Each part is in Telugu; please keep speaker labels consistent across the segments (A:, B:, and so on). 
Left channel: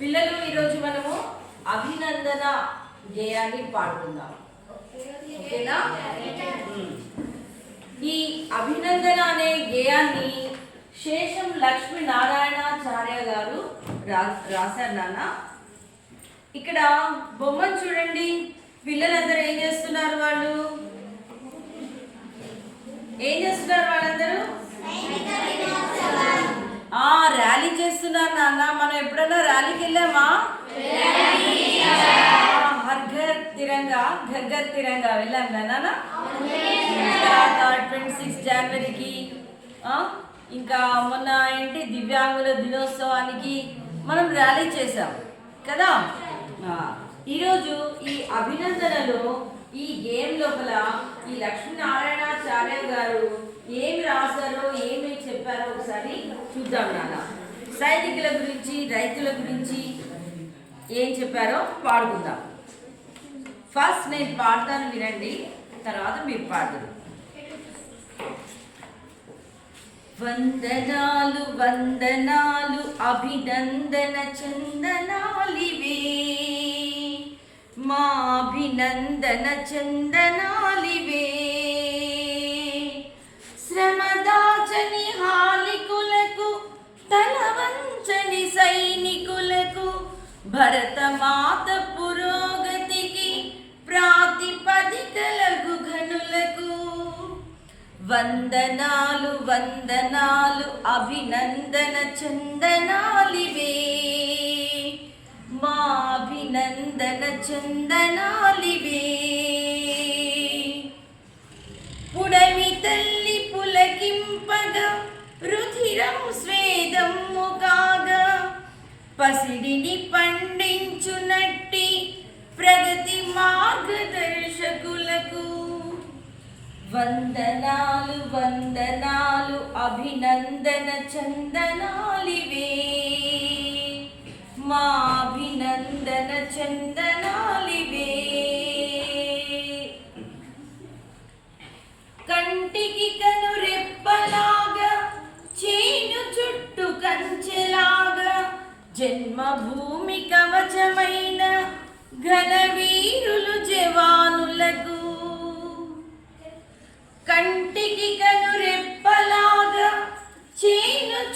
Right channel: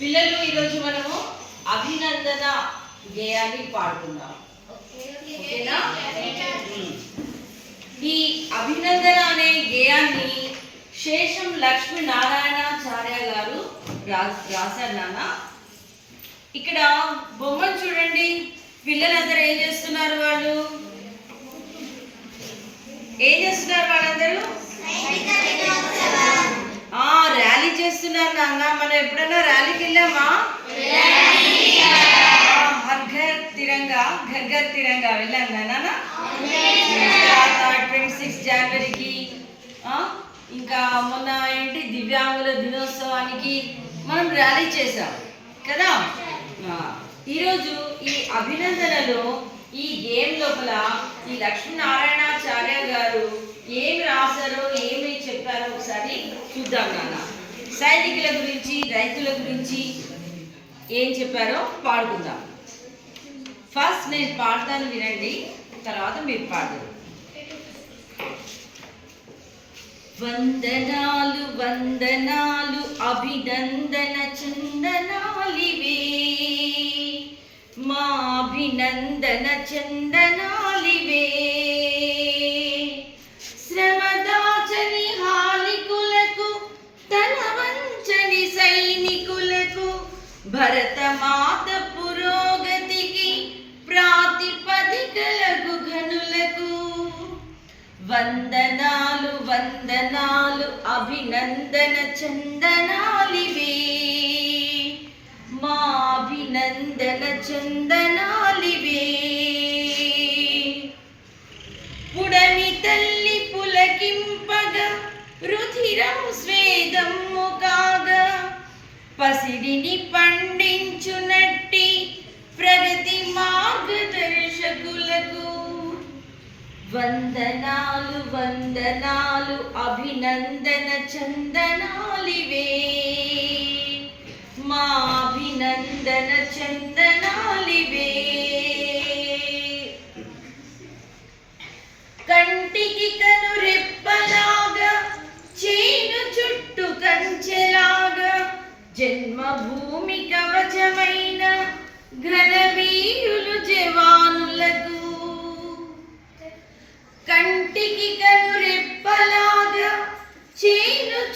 A: పిల్లలు ఈరోజు మనము అభినందన గేయాన్ని పాడుకుందాం. ఓకేనా. ఈ అభినందన అనే గేయాన్ని శేషం లక్ష్మీ నారాయణాచార్య గారు రా- రాశారు నాన్న. ఇక్కడ బొమ్మను చూడండి. పిల్లలందరూ ఏం చేస్తున్నారు వాళ్ళు? ఏం చేస్తున్నారు వాళ్ళందరూ? ఆ ర్యాలీ చేస్తున్నారు నాన్న. మనం ఎప్పుడైనా ర్యాలీకి వెళ్ళామా? ఆ, తిరంగా ఘర్ తిరంగా వెళ్ళాం నాన్న. తర్వాత ట్వంటీ సిక్స్ జనవరికి ఇంకా మొన్న ఏంటి? దివ్యాంగుల దినోత్సవానికి మనం ర్యాలీ చేసాం కదా? ఈరోజు ఈ అభినందనలో ఈ గేమ్ లోపల ఈ లక్ష్మీనారాయణాచార్య గారు ఏమి రాశారో ఏమి చెప్పారో ఒకసారి చూద్దాం నాన్న. సైనికుల గురించి రైతుల గురించి ఏం చెప్పారో పాడుకుందాం. ఫస్ట్ నేను పాడతాను వినండి తర్వాత మీరు పాడరు. వందనాలు వందనాలు అభినందన చందనాలివే. మా అభినందన చందనాలివే. శ్రమదాచని హాలికులకు తన వంచని సైనికులకు భరతమాత పురోగతికి ప్రాతిపదికలకు ఘనులకు. వందనాలు వందనాలు అభినందన చందనాలివే. పసిడిని పండించునట్టి ప్రగతి మార్గదర్శకులకు. వందనాలు వందనాలు అభినందన చందనాలివే. మా అభినందన చందనాలివే.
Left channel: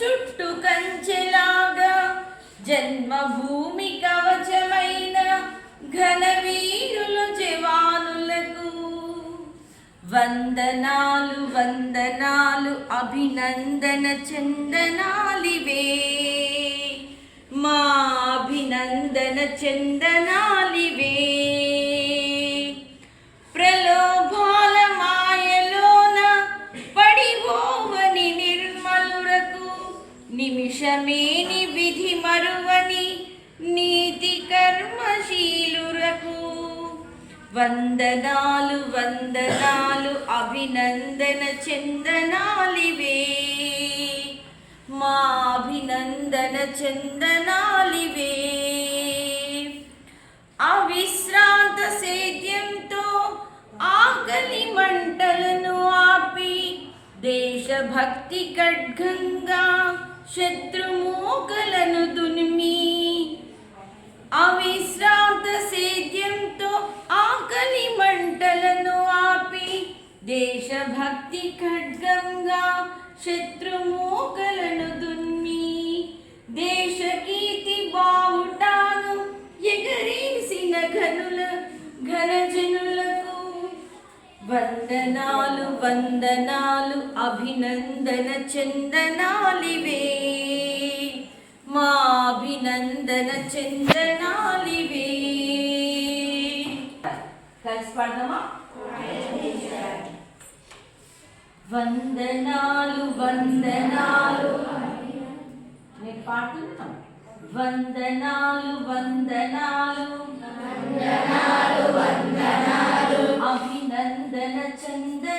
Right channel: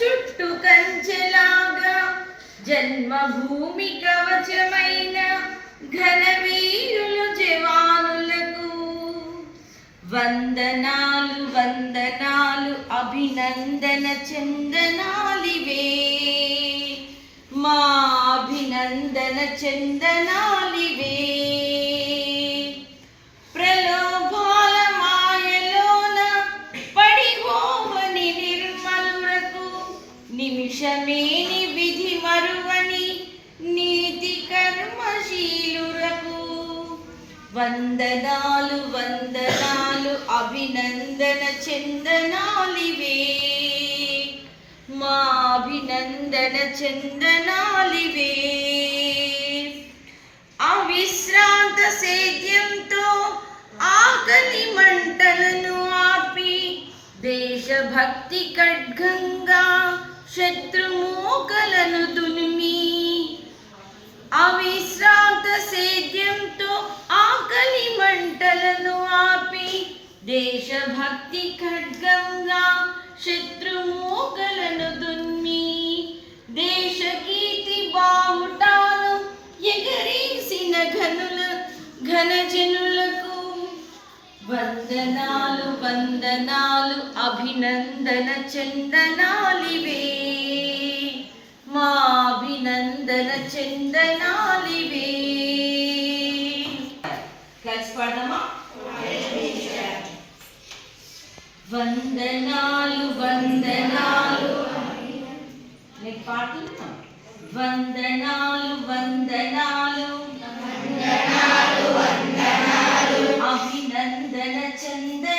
A: చుట్టు కంచెలాగా జన్మభూమి కవచమైన ఘనవీరులు జవానులకు వందనాలు వందనాలు అభినందన చందనాలివే. మా అభినందన చందనాలివే. నిమిషమేని విధి మరువని నీతి కర్మశీలురకు. వందనాలు వందనాలు అభినందన చందనాలివే. మా అభినందన చందనాలివే. అవిశ్రాంత సేద్యంతో ఆకలి మంటలను ఆపి దేశభక్తి ఖడ్గంగా శత్రుమూకలను దునిమి. అవిశ్రాంత సేద్యంతో ఆకలి మంటలను ఆపి దేశభక్తి ఖడ్గంగా శత్రుమూకలను దున్ని. దేశకీర్తి బావుటాను ఎగరేసిన ఘనుల ఘనజను వందనాలు అభినందన చందనాలివే. మా అభినందన చందనాలివే. కలిసి పాడదామా? వందనాలు వందనాలు. నేను పాడుతున్నా. వందనాలు వందనాలు. వందనాలు అభినందన చందనాలివే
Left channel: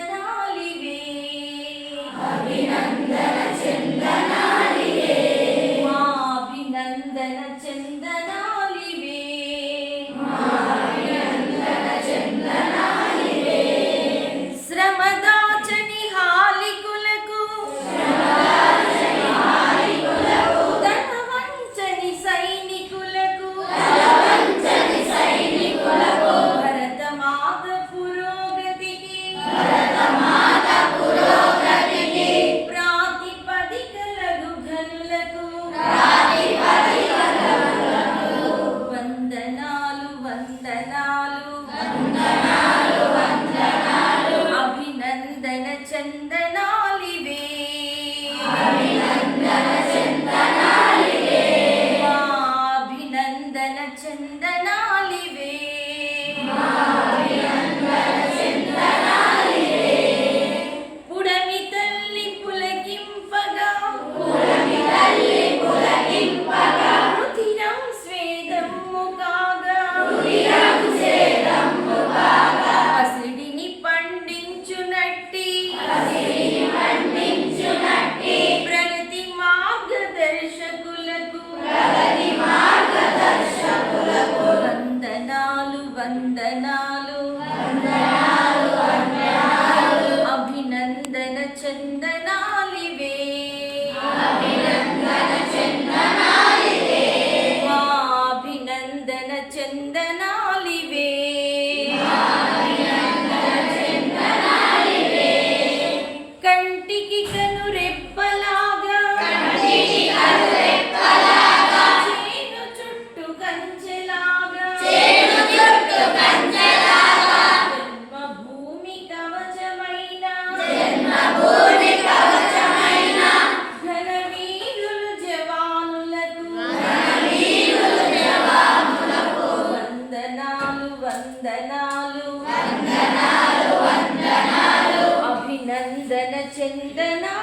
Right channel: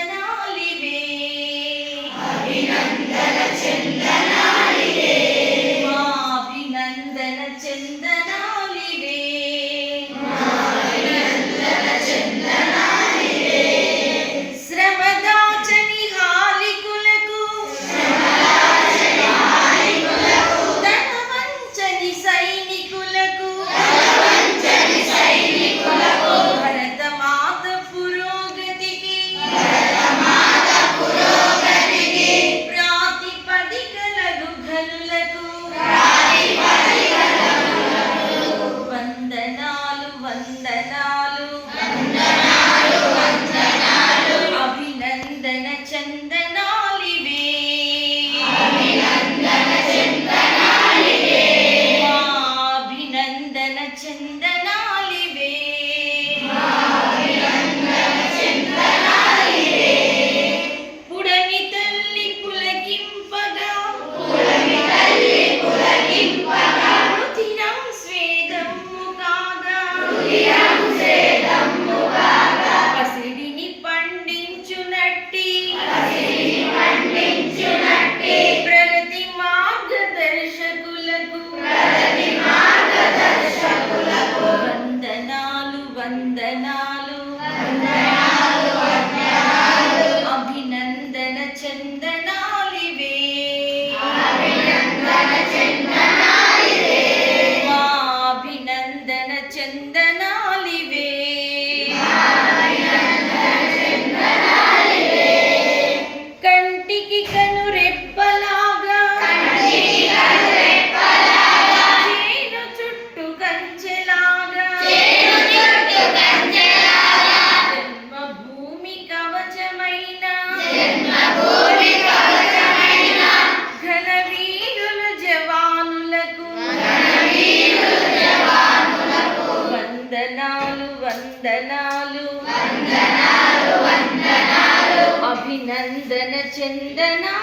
A: వందనాలు చందనా